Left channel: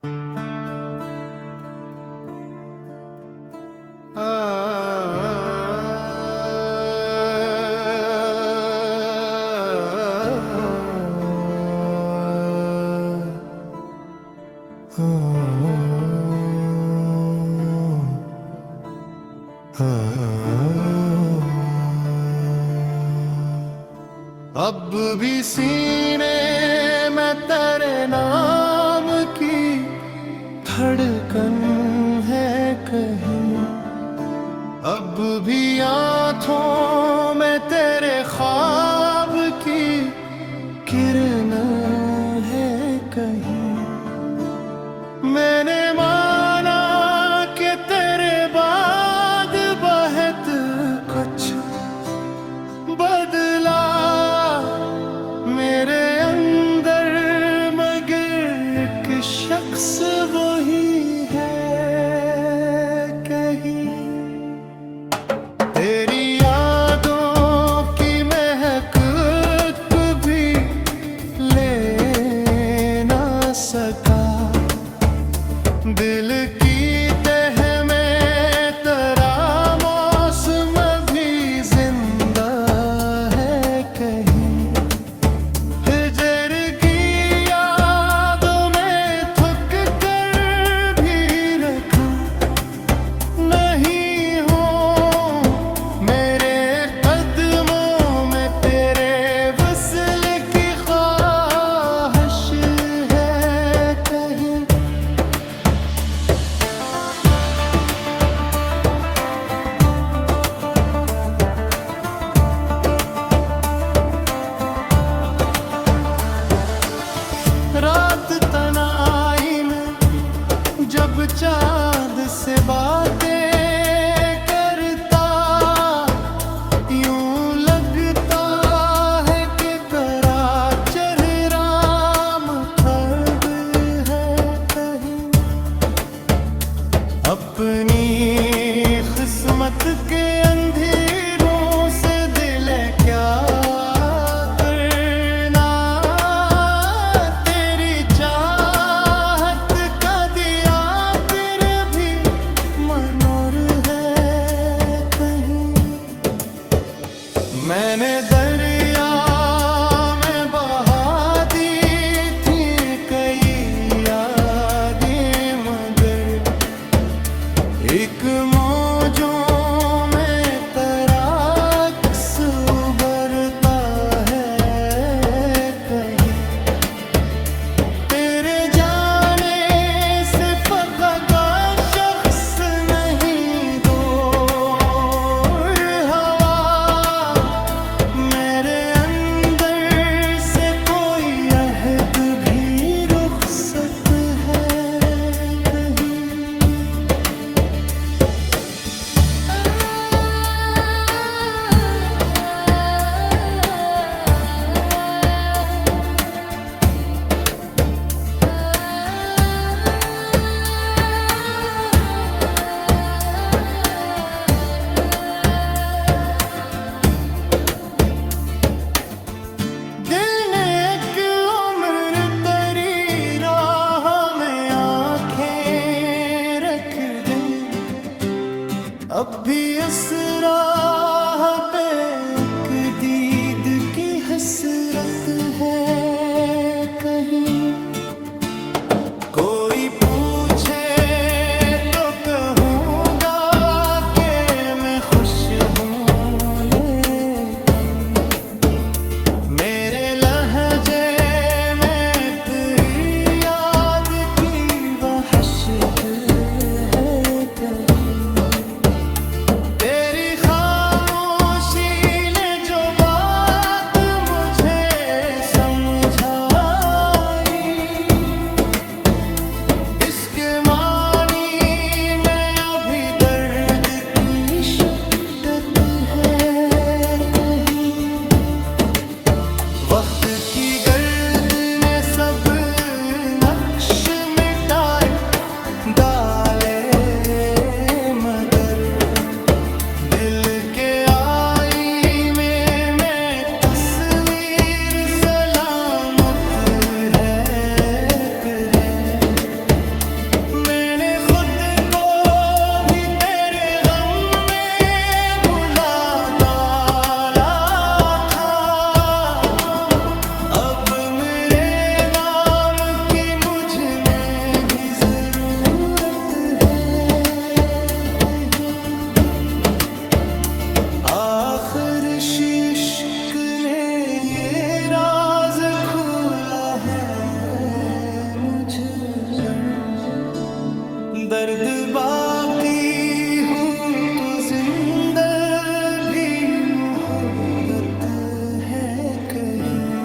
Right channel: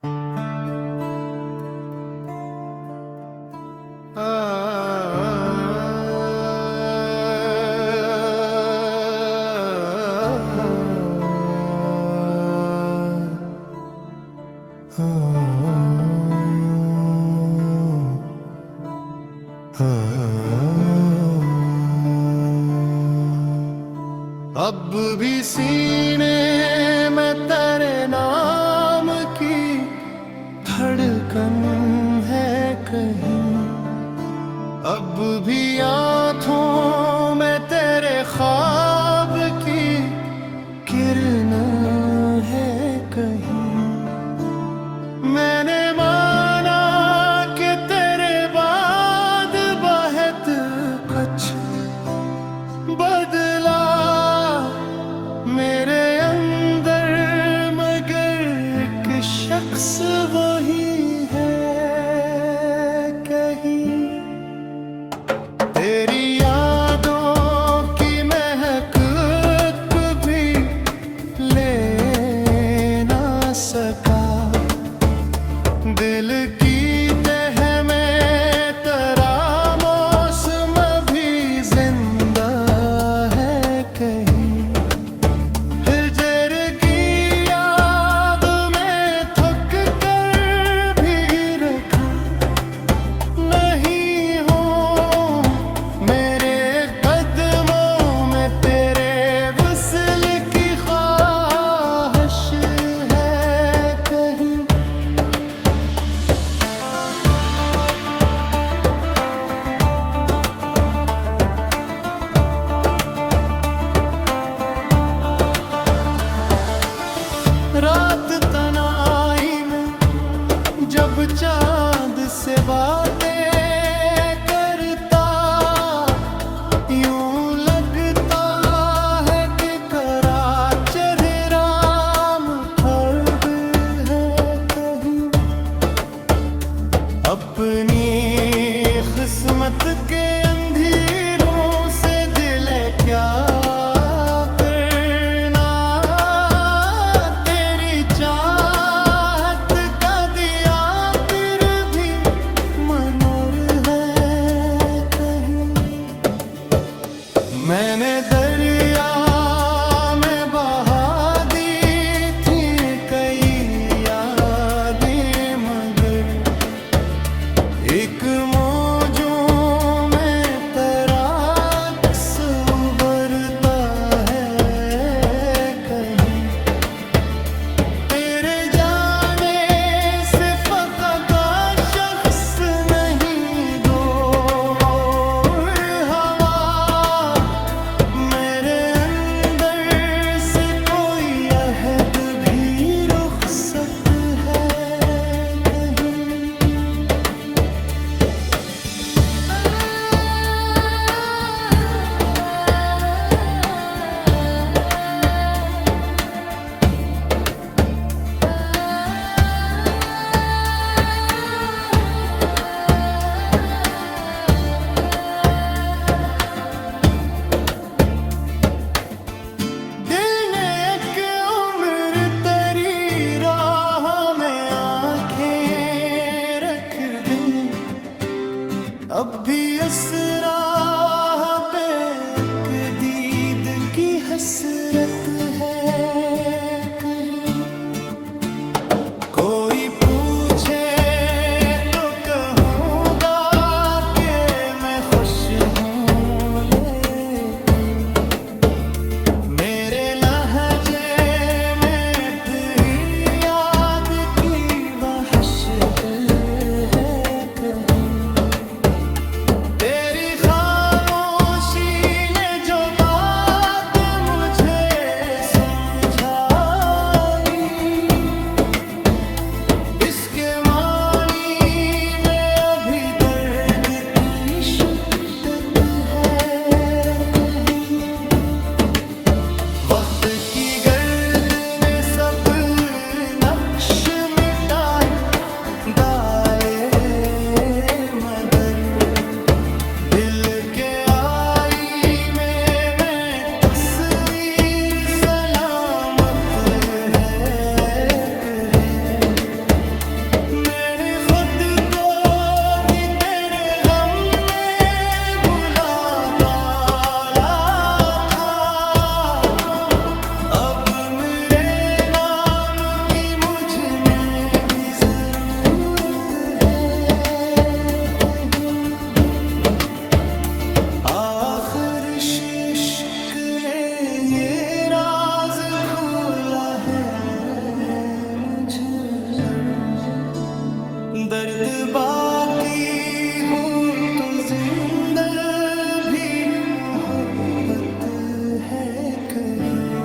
अब भी सीने में तेरे नाम की धड़कन है कहीं, अब भी आँखों में तेरे ख्वाब की किरण है कहीं। मैंने माना कि तेरे बाद बहुत कुछ बदला मेरे अंदर, मगर एक शख्स वही है कहीं। तेरी यादों की महक भी ले ना सका, दिल की तह में तेरा मौसम भी जिंदा है कहीं। हिजर की याद में थक कर भी रखा नहीं हो मेरे कदमों में, तेरे वसल की ख्वाहिश है कहीं। रात तन्हाई में जब चांद से बातें करता, यूं लगता है कि करा चेहराम खर्ब है कहीं। अपनी किस्मत के अंधेरों से दिल है क्या मैंने दरिया में बहा दी थी कई यादें, मगर एक मौजों में तेरा अक्स उभरता है कहीं। तेरे जाने से फकत शख्स नहीं दो मेरे अंदर से कोई अहद भी रुखसत है कहीं। दिल ने एक उम्र तेरी राह में आंखें रख दे, अब भी इस राह पे एक दीद की हसरत है कहीं। कोई पूछे तो कहूँगा कि मैं खुश हूँ, मेरे लहजे में तेरी याद की वहशत है कहीं। तेरी खामोशी ने जो बात मुझे समझाई, इसके मानी में अभी दर्द की शिद्दत दर्द बाकी हो तो जिंदा भी मोहब्बत है कहीं।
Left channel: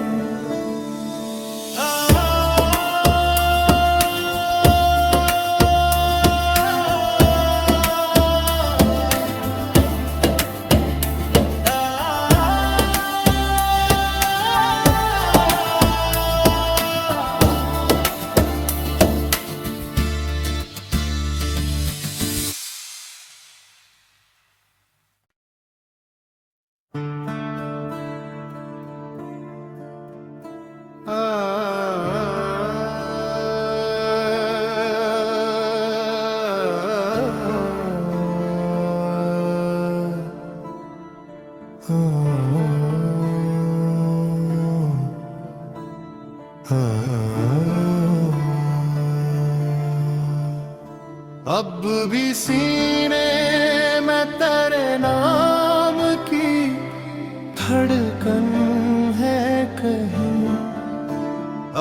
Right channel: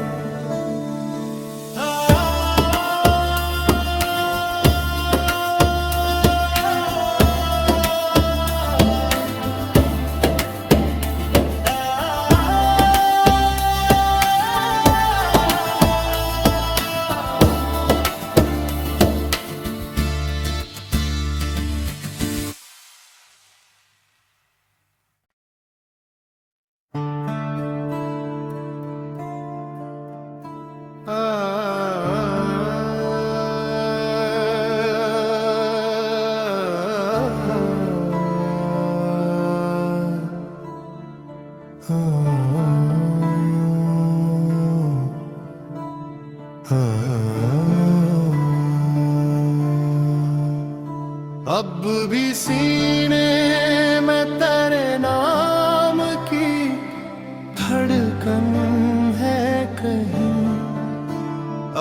अब भी सीने में तेरे नाम की धड़कन है कहीं।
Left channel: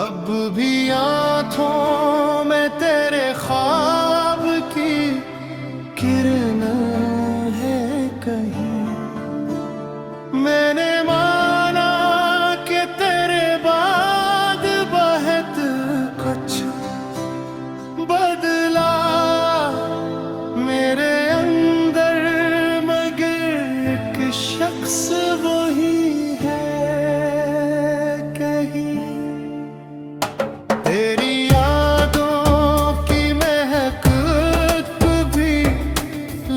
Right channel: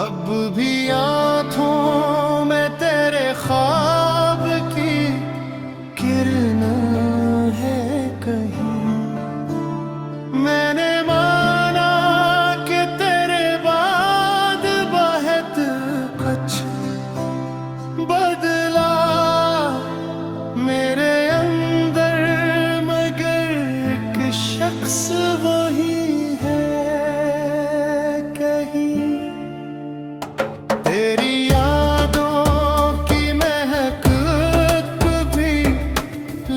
अब भी आँखों में तेरे ख्वाब की किरण है कहीं। मैंने माना कि तेरे बाद बहुत कुछ बदला मेरे अंदर, मगर एक शख्स वही है कहीं। तेरी यादों की महक भी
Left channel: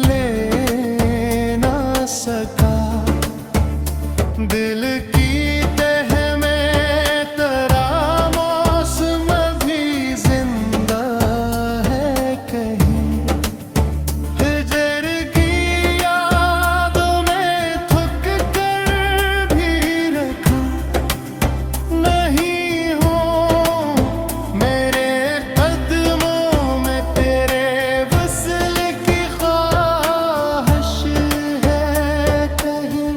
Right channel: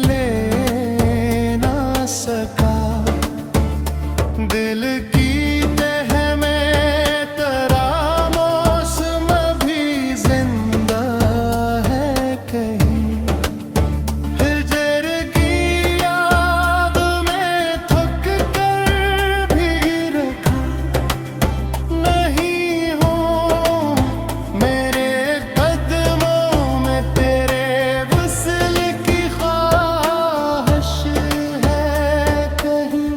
ले ना सका, दिल की तह में तेरा मौसम भी जिंदा है कहीं। हिजर की याद में थक कर भी रखा नहीं हो मेरे कदमों में, तेरे वसल की ख्वाहिश है कहीं।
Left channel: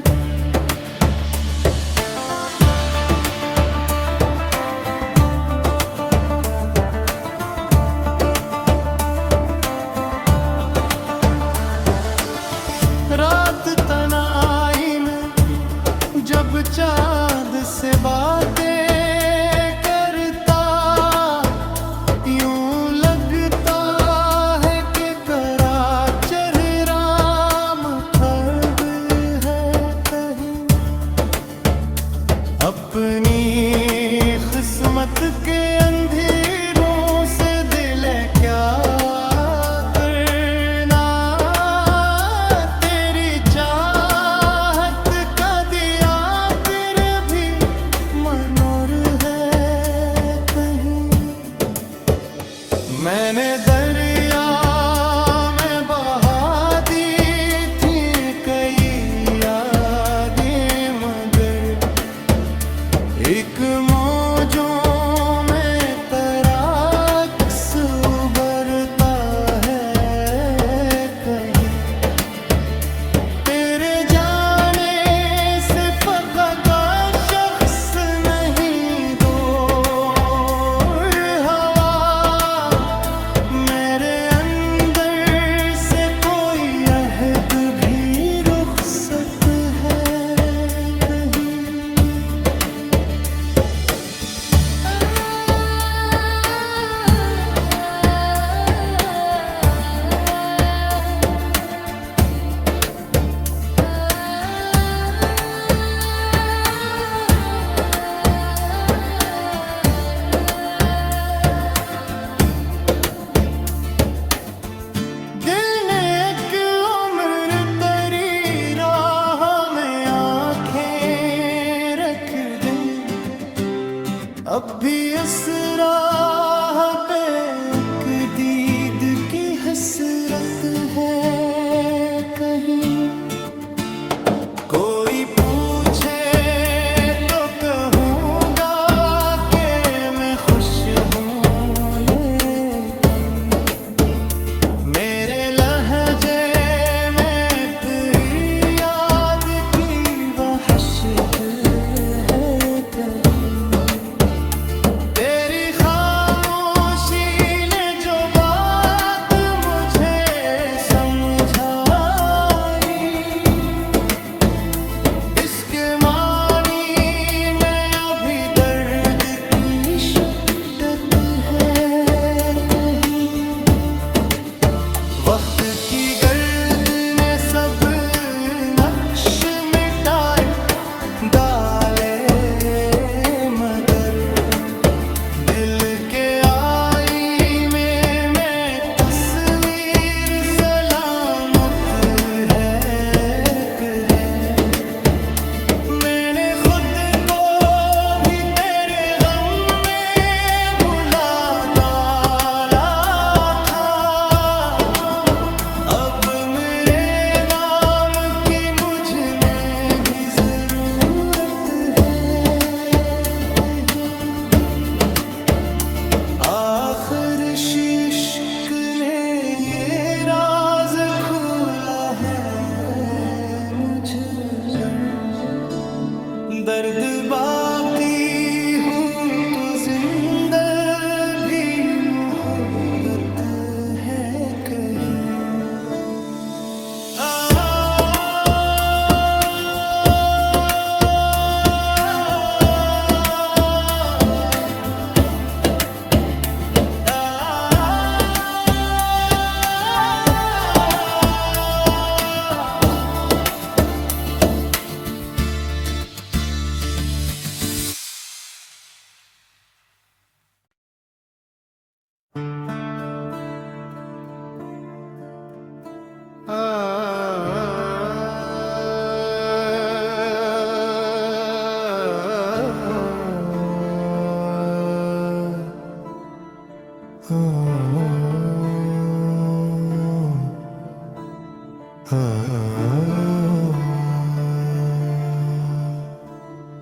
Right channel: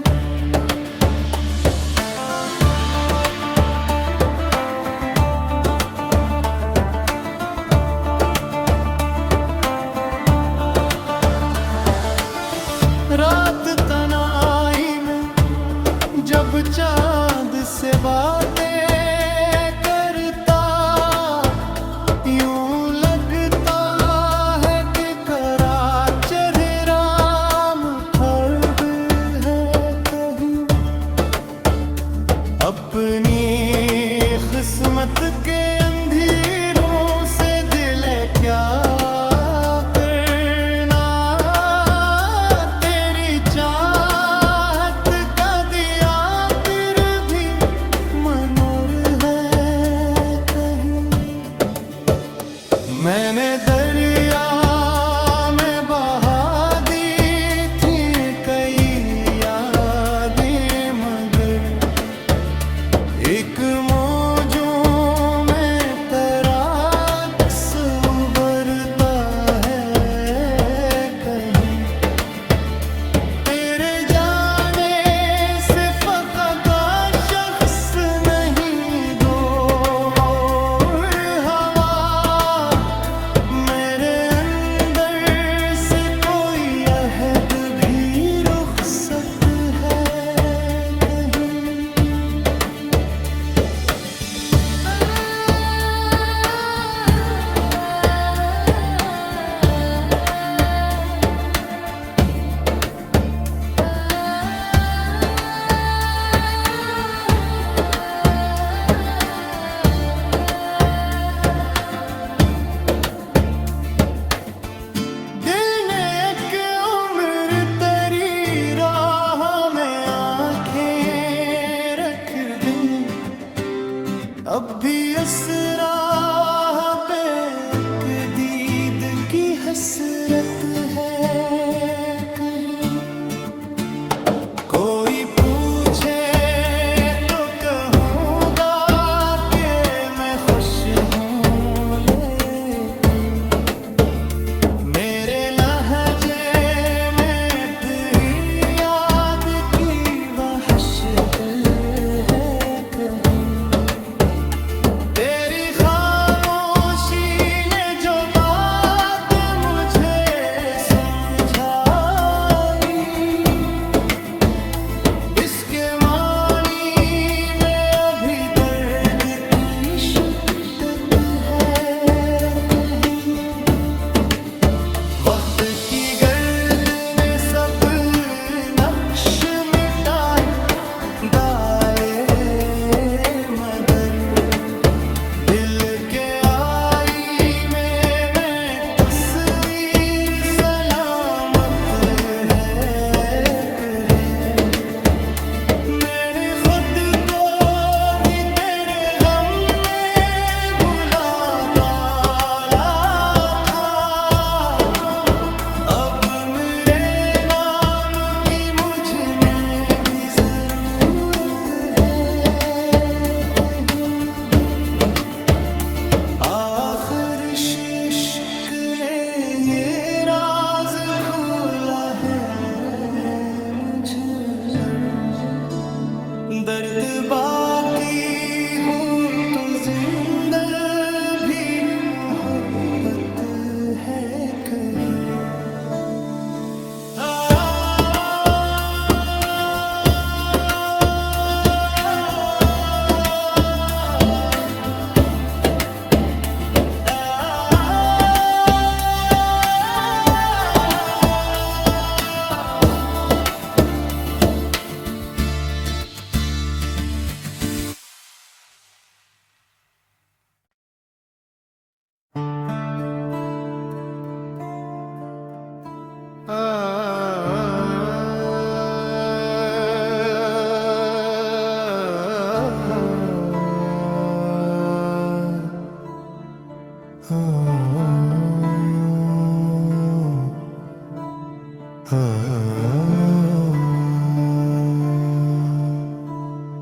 रात तन्हाई में जब चांद से बातें करता, यूं लगता है कि करा चेहरा मुखर है कहीं। अपनी किस्मत के अंधेरों से दिल क्या करना, तेरी चाहत का दिया फिर भी मनोर है कहीं। मैंने दरिया में बहा दी थी कई यादें, मगर एक मौजों में तेरा अक्स उभरता है कहीं। तेरे जाने से फकत शख्स नहीं दो हवा, मेरे अंदर से कोई अहद भी रुखसत है कहीं। दिल ने एक उम्र तेरी राह में आंखें रख दे, अब भी इस राह पे एक दीद की हसरत है कहीं। कोई पूछे तो कहूँगा कि मैं खुश हूँ, लेकिन मेरे लहजे में तेरी याद की वहशत है कहीं। तेरी खामोशी ने जो बात की गर्द ने सब नक्श मिटाए डाले, मगर दिल के आईने में तस्वीर सलामत है कि है। मैंने खुद को भी तेरे गम में भुला डाला था, अब मेरे नाम की मुझ में भी जरूरत है कहीं। आखिर इश्क ने ये राज खोला है मुझ पर, दर्द बाकी हो तो जिंदा भी मोहब्बत है कहीं।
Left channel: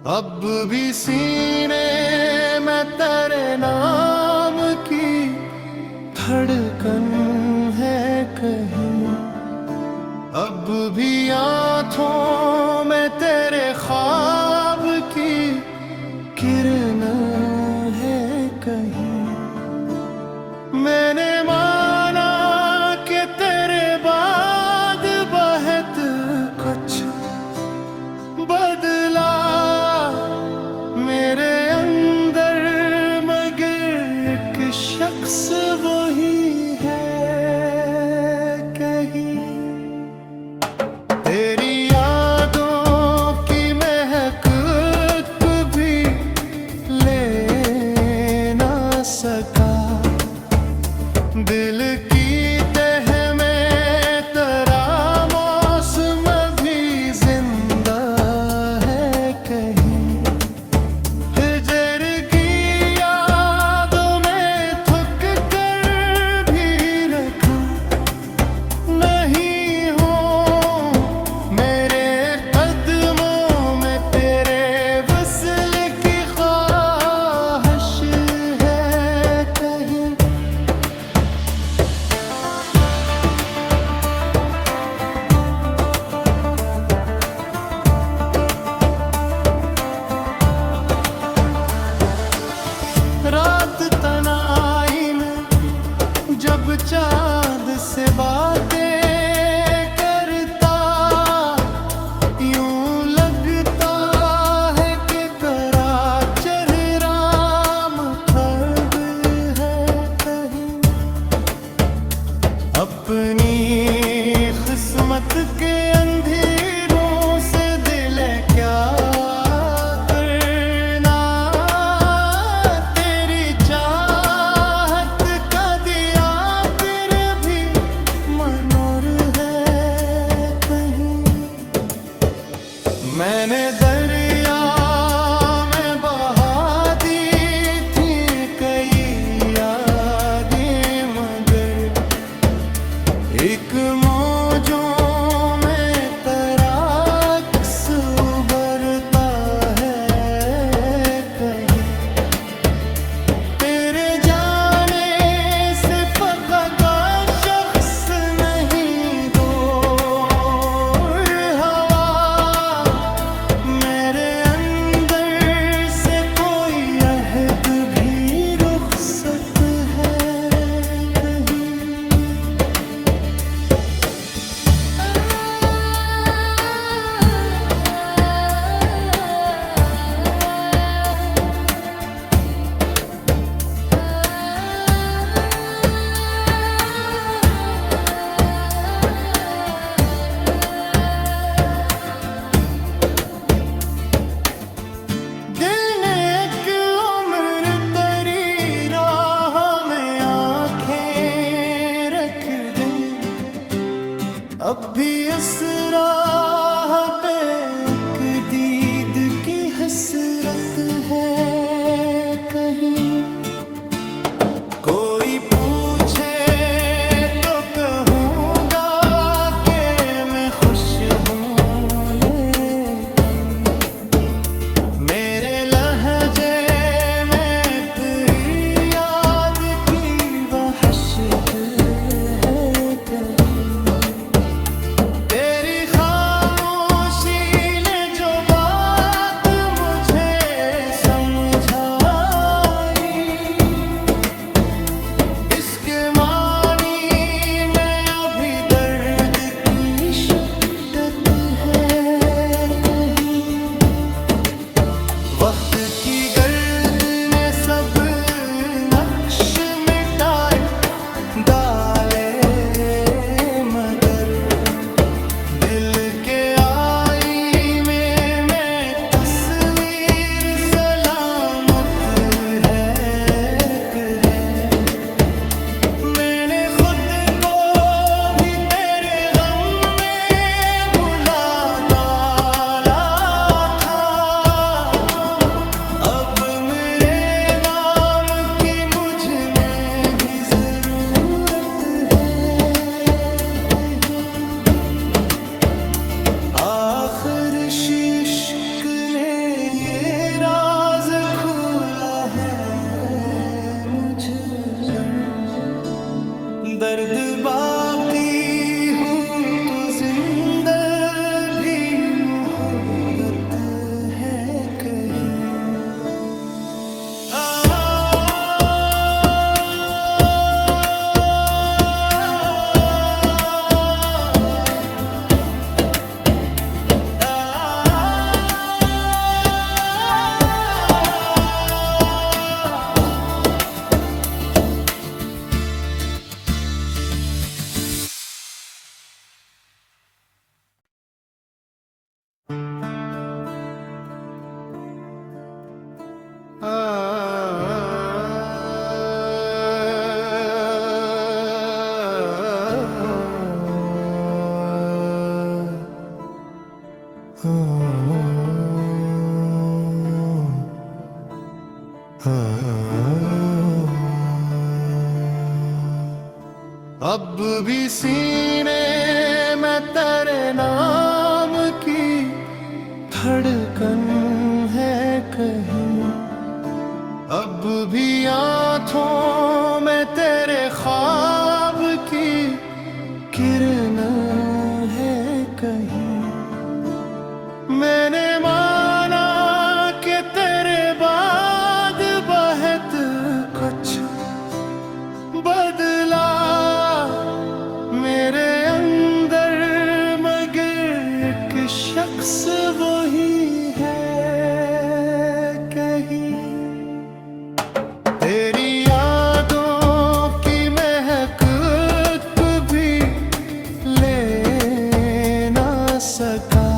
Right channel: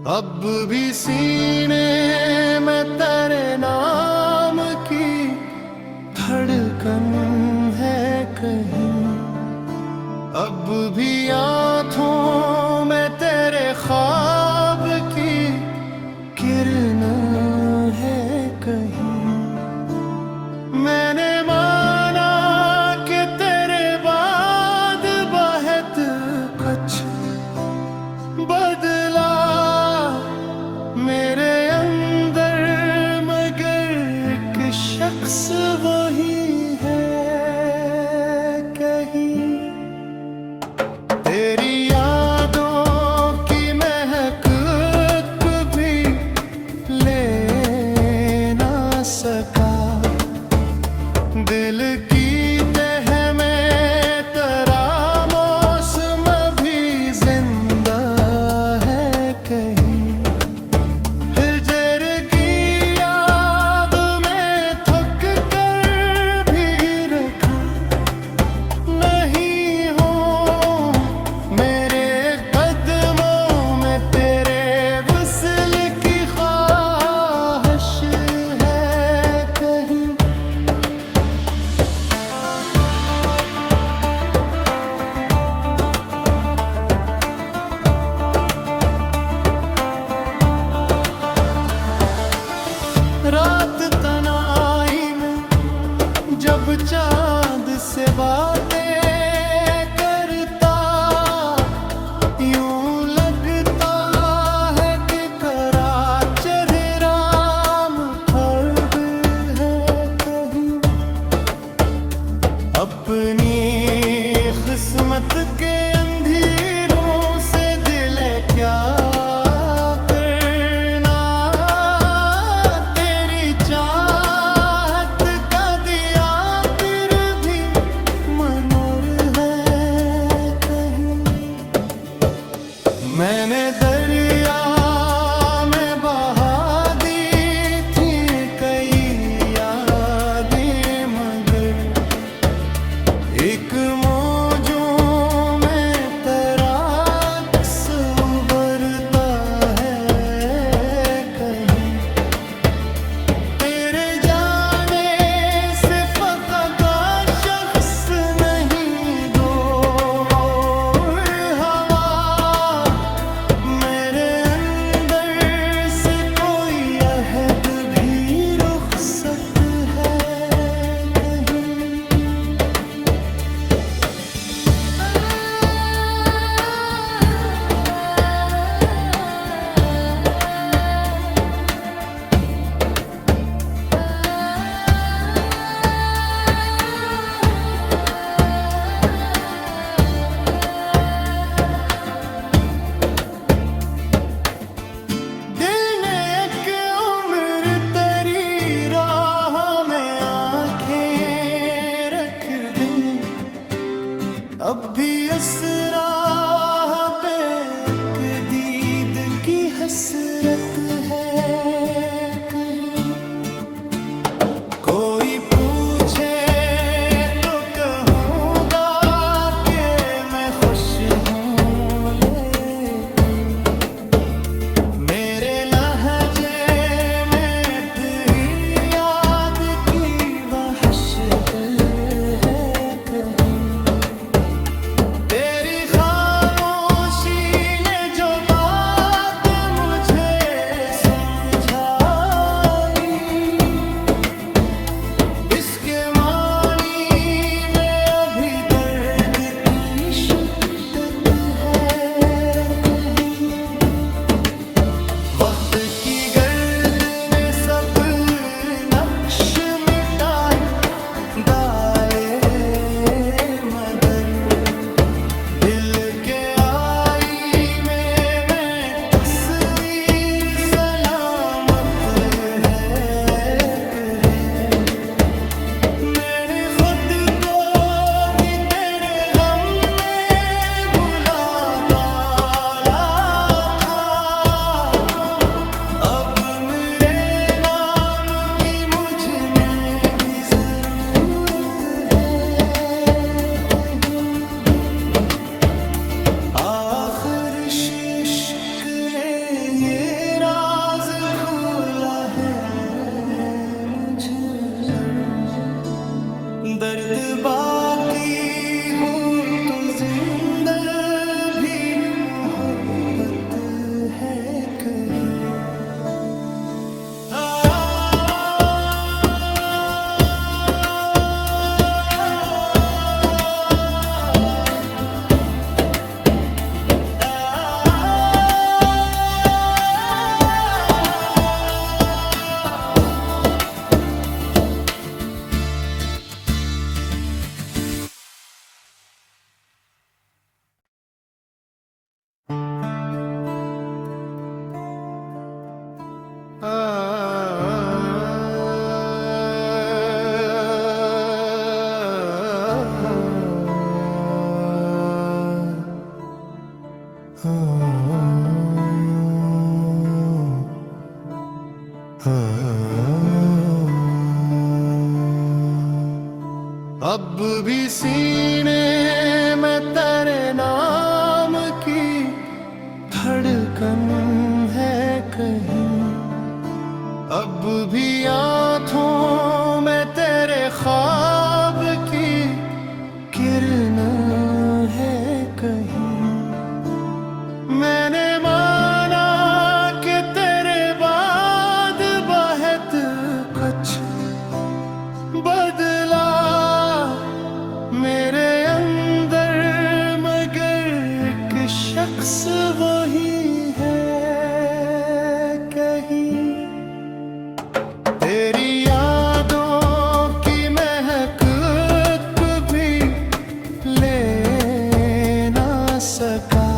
अब भी सीने में तेरे नाम की धड़कन है कहीं, अब भी आँखों में तेरे ख्वाब की किरण है कहीं। मैंने माना कि तेरे बाद बहुत कुछ बदला मेरे अंदर, मगर एक शख्स वही है कहीं। तेरी यादों की महक भी ले ना सका, दिल की तह में तेरा मौसम भी जिंदा है कहीं। हिजर की याद में थक कर भी रखा नहीं हो मेरे कदमों में, तेरे वसल की ख्वाहिश है कहीं। रात तन्हाई में जब चांद से बातें करता, यूं लगता है कि करा चेहराम खब है कहीं। अपनी किस्मत के अंधेरों से दिल क्या मैंने दरिया में बहा दी थी कई यादें, मगर एक मौजों में अब भी इस राह पे एक दीद की हसरत है कहीं। कोई पूछे तो कहूँगा कि मैं खुश हूँ, लेकिन मेरे लहजे में तेरी याद की वहशत है कहीं। तेरी खामोशी ने जो बात मुझे समझाई, इसके मानी में अभी दर्द की शिद्दत है कहीं। वक्त की गर्द ने सब नक्श मिटाए डाले, मगर दिल के आईने में तस्वीर सलामत है कि मैंने खुद को भी तेरे गम में भुला डाला था। अब मेरे नाम की मुझ में भी जरूरत है कहीं। आखिर इश्क ने ये राज खोला है मुझ पर, दर्द बाकी हो तो जिंदा भी मोहब्बत है कहीं। अब भी सीने में तेरे नाम की धड़कन है कहीं। अब भी आँखों में तेरे ख्वाब की किरण है कहीं। मैंने माना कि तेरे बाद बहुत कुछ बदला मेरे अंदर, मगर एक शख्स वही है कहीं। तेरी यादों की महक भी ले ना सका,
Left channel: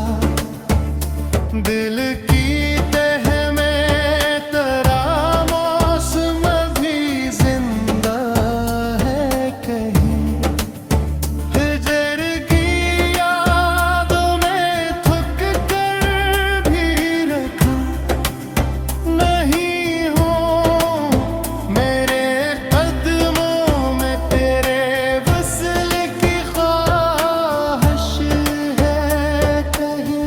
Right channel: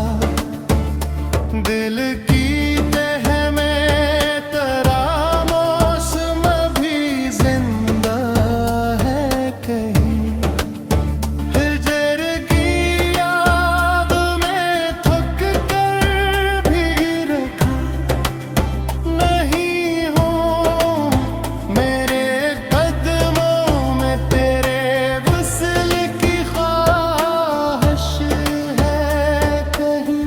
दिल की तह में तेरा मौसम भी जिंदा है कहीं। हिजर की याद में थक कर भी रखा नहीं हो, मेरे कदमों में तेरे वसल की ख्वाहिश है कहीं।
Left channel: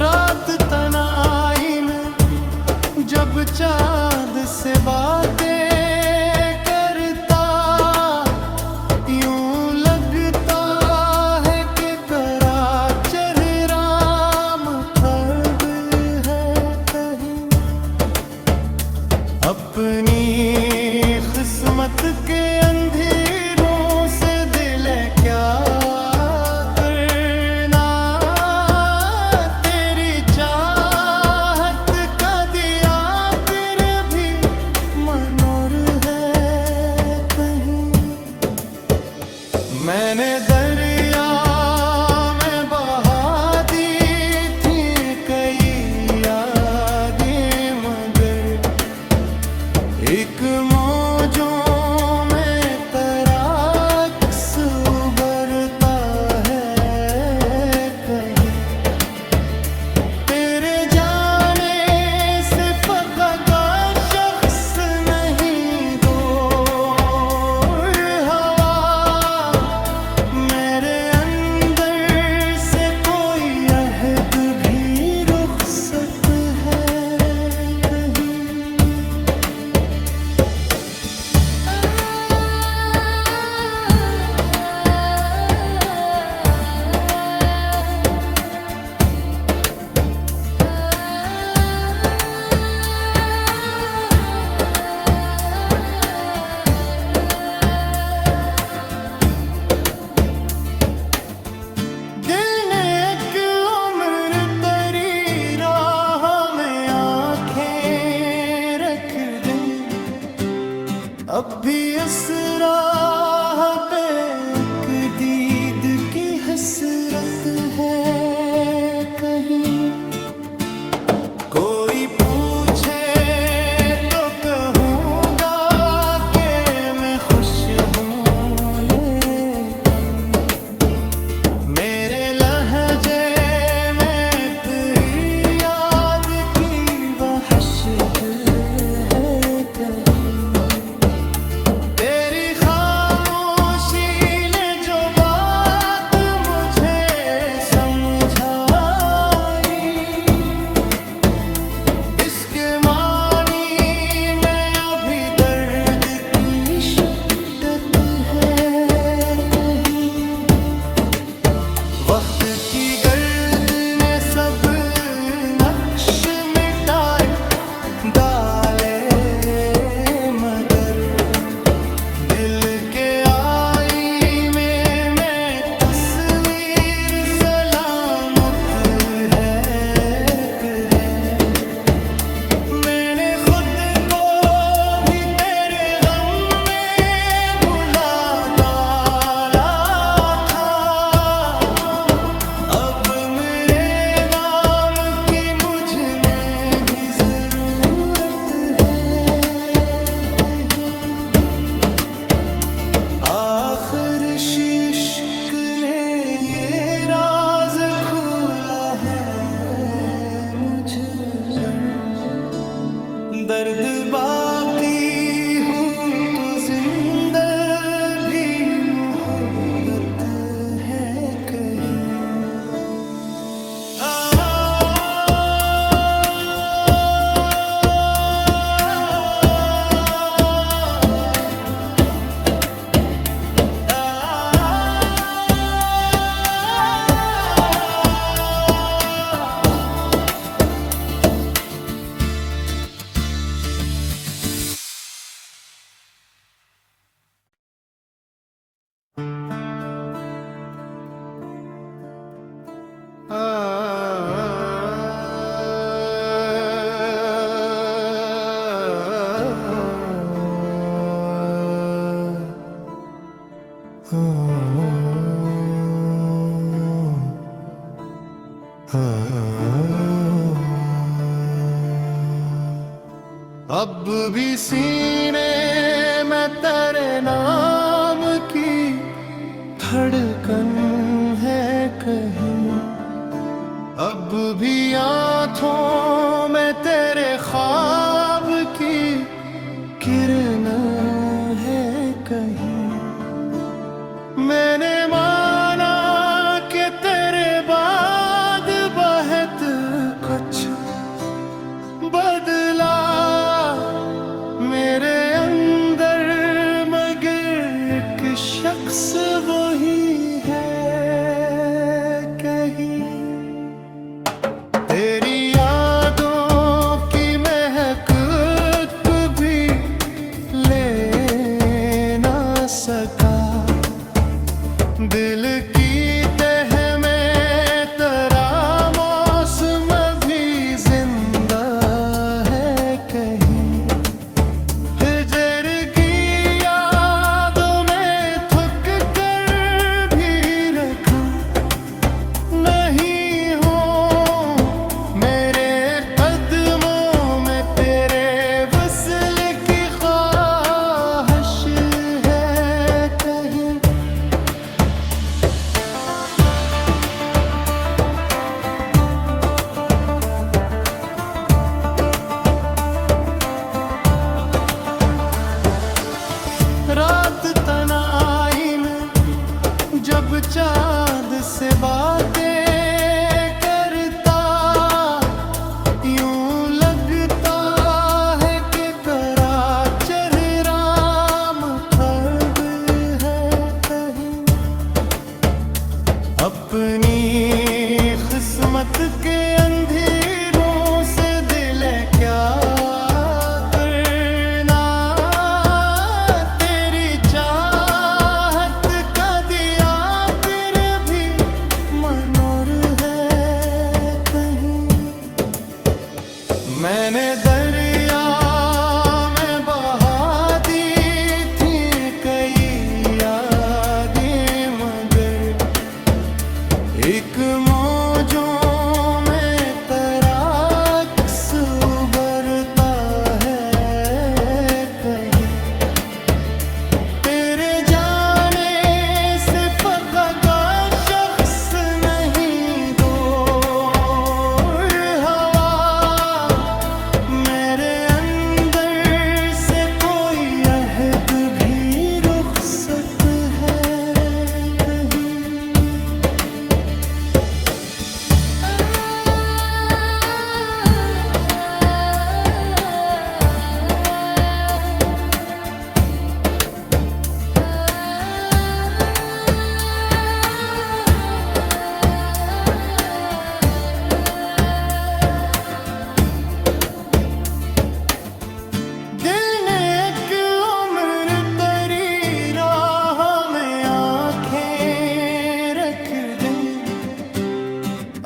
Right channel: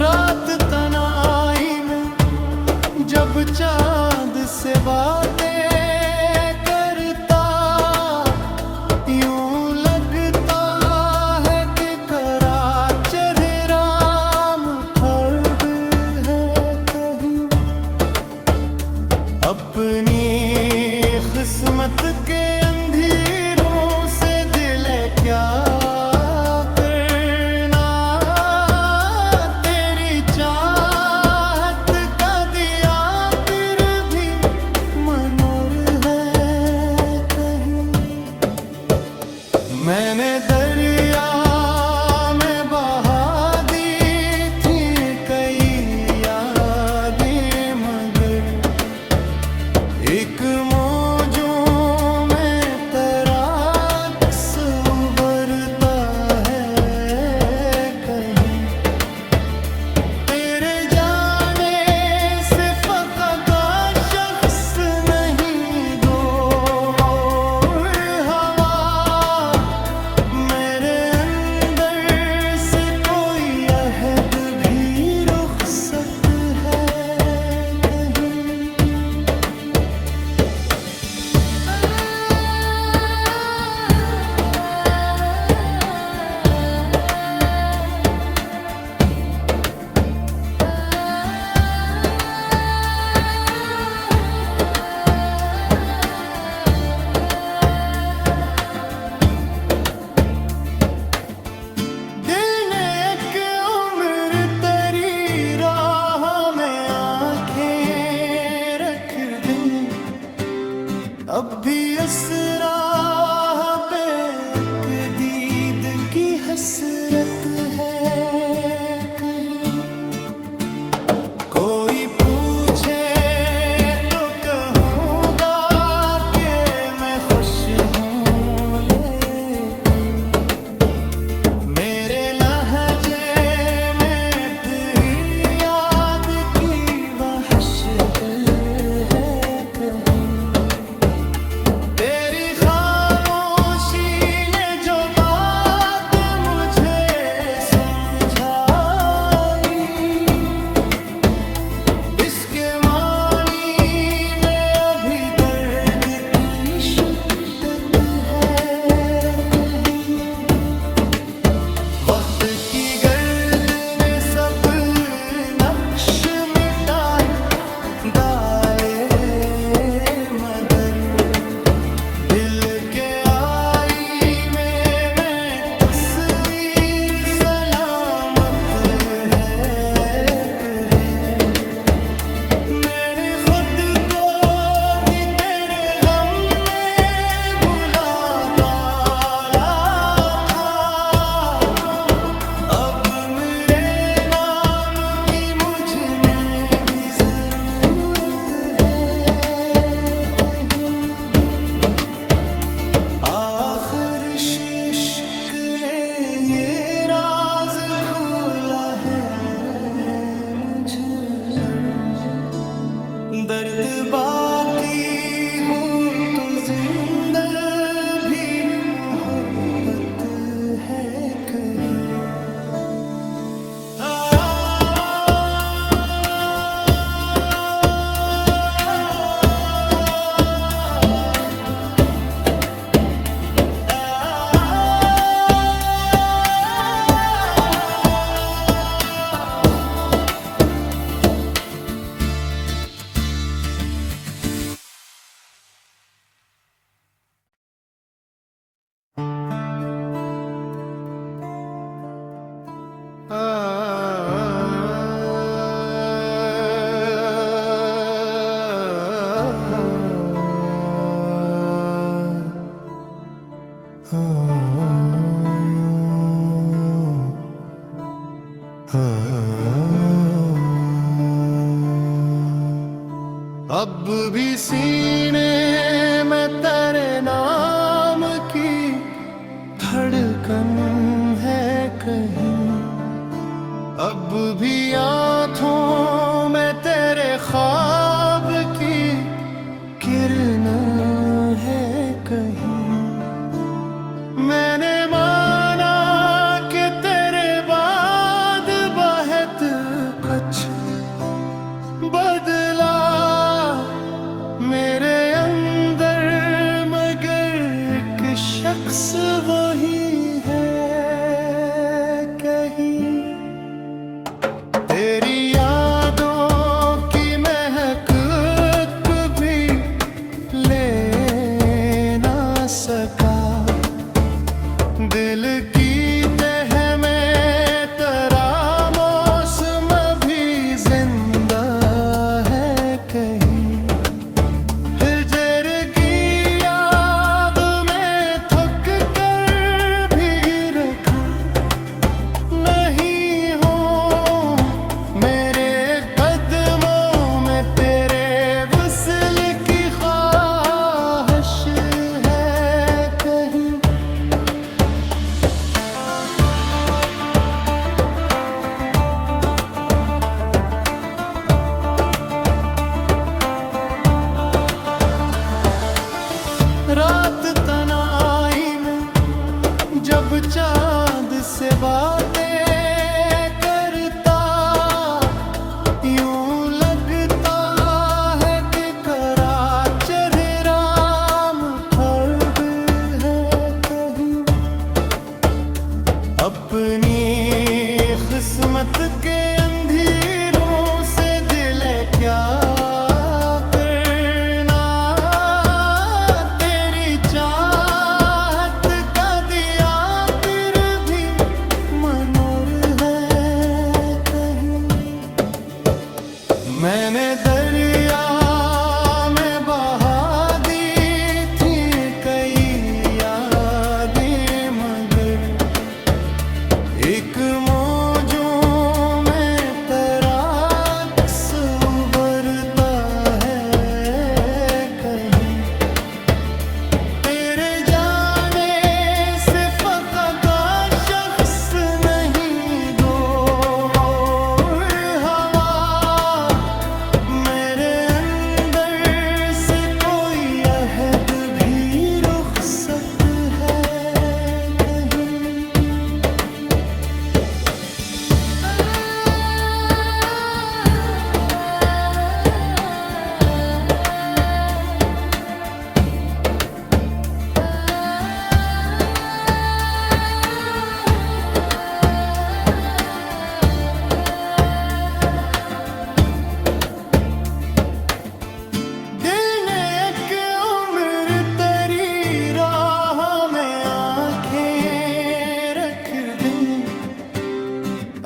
रात तन्हाई में जब चाँद से बातें करता, यूं लगता है कि करा चेहरा मुखर है कहीं। अपनी किस्मत के अंधेरों से दिल क्या करना, तेरी चाहत का दिया फिर भी मनोर है कहीं। मैंने दरिया में बहा दी अब भी इस राह पे एक दीद की हसरत है कहीं। कोई पूछे तो कहूँगा कि मैं खुश हूँ, लेकिन मेरे लहजे में तेरी याद की वहशत है कहीं। तेरी खामोशी ने जो बात मुझे समझाई, इसके मानी में अभी दर्द की शिद्दत है कहीं। वक्त की गर्द ने सब नक्श मिटाए डाले, मगर दिल के आई में मैं तस्वीर सलामत है कहे। मैंने खुद को भी तेरे गम में भुला डाला था। अब मेरे नाम की मुझ में भी जरूरत है कहीं। आखिर इश्क ने ये राज खोला है मुझ पर। दर्द बाकी हो तो जिंदा भी मोहब्बत है कहीं। अब भी सीने में तेरे नाम की धड़कन है कहीं। अब भी आँखों में तेरे ख्वाब की किरण है कहीं। मैंने माना कि तेरे बाद बहुत कुछ बदला मेरे अंदर, मगर एक शख्स वही है कहीं। तेरी यादों की महक भी ले ना सका। दिल की तह में तेरा मौसम भी जिंदा है कहीं। हिजर की याद में थक कर भी रखा नहीं हो। मेरे कदमों में तेरे वस्ल की ख्वाहिश है कहीं। रात तन्हाई में जब चाँद से बातें करता, यूं लगता है कि करा चेहरा मुखब है कहीं। अपनी किस्मत के अंधेरों से दिल क्या करना। तेरी चाहत का दिया फिर भी मनोर है कहीं। मैंने दरिया में बहा दी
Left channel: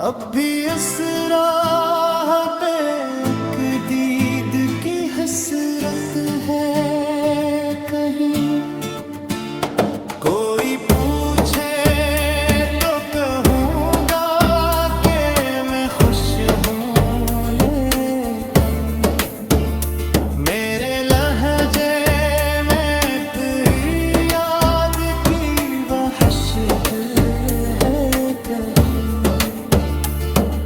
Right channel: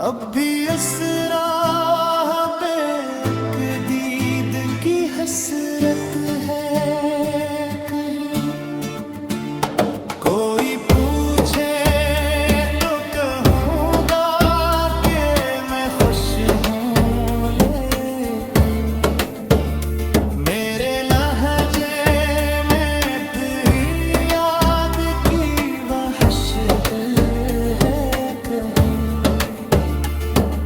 अब भी इस राह पे एक दीद की हसरत है कहीं। कोई पूछे तो कहूँगा कि मैं खुश हूँ, लेकिन मेरे लहजे में तेरी याद की वहशत है कहीं।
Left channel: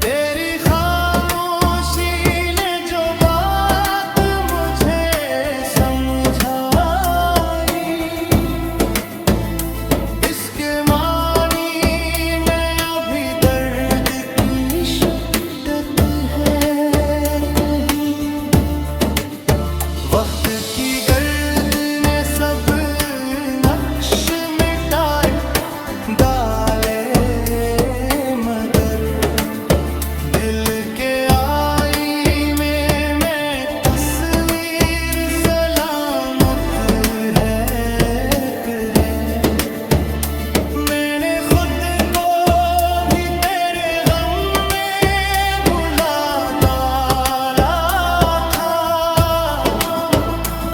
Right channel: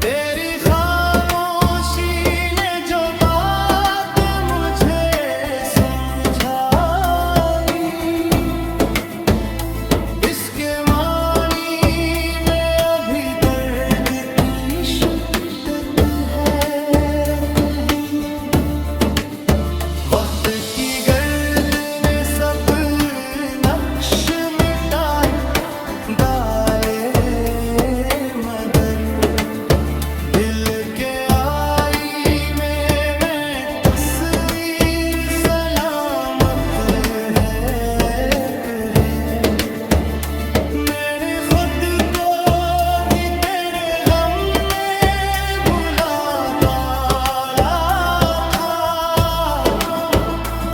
तेरी खामोशी ने जो बात मुझे समझाई, इसके मानी में अभी दर्द की शिद्दत है कहीं। वक्त की गर्द ने सब नक्श मिटाए डाले, मगर दिल के आईने में तस्वीर सलामत है कि मैंने खुद को भी तेरे गम में भुला डाला था।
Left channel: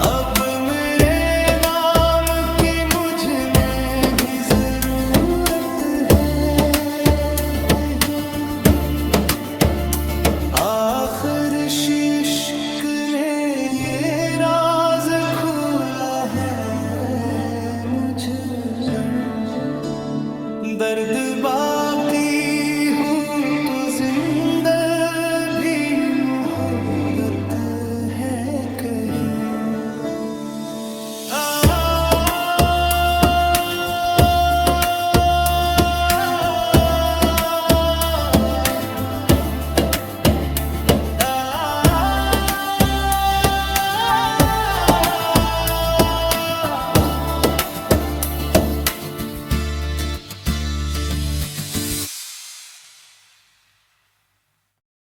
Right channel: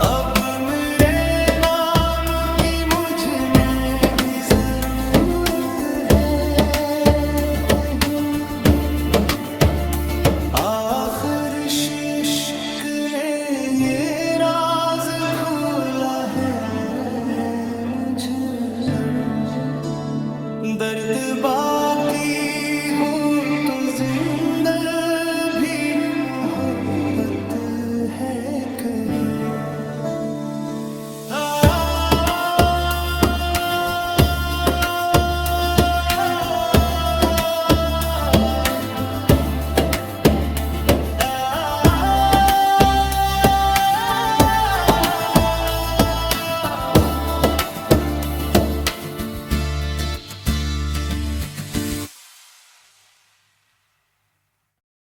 अब मेरे नाम की मुझ में भी जरूरत है कहीं। आखिर इश्क ने ये राज खोला है मुझ पर, दर्द बाकी हो तो जिंदा भी मोहब्बत है कहीं।